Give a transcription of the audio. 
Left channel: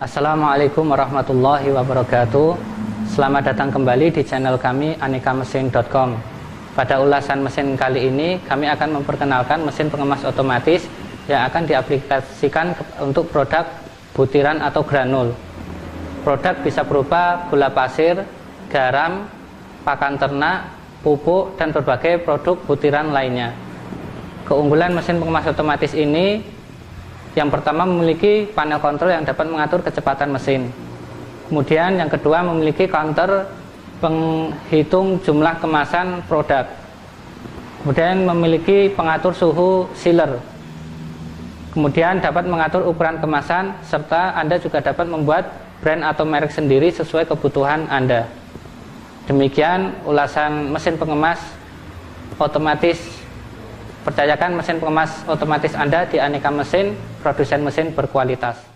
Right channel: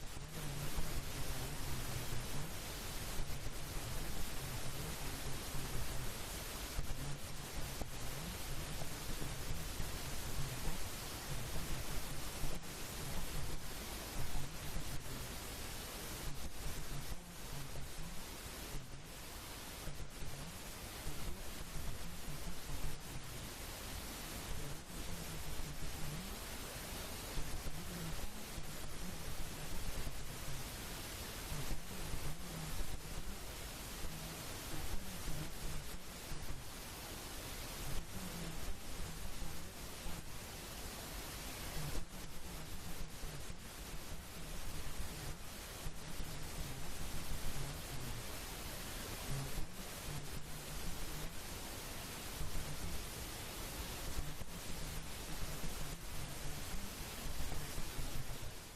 Assalamualaikum warahmatullahi wabarakatuh. Selamat datang kembali di channel kami anekamesin.com. Pada ulasan mesin kali ini kami akan memperkenalkan mesin pengemas otomatis yang akan diaplikasikan untuk produk butiran atau granul. Produk bisa berupa gula pasir, garam, pakan ternak, pupuk, dan berbagai produk butiran lainnya. Keunggulan mesin pengemas otomatis ini, yang pertama memiliki panel kontrol yang dapat mengatur kecepatan mesin. Kemudian yang kedua memiliki counter penghitung jumlah kemasan produk. Kemudian memiliki pengatur suhu sealer. Kemudian dapat mengatur ukuran kemasan, serta Anda juga dapat membuat brand atau merek sendiri sesuai kebutuhan Anda. Demikian ulasan mesin pengemas otomatis. Percayakan mesin pengemas otomatis Anda di Aneka Mesin, produsen mesin berkualitas.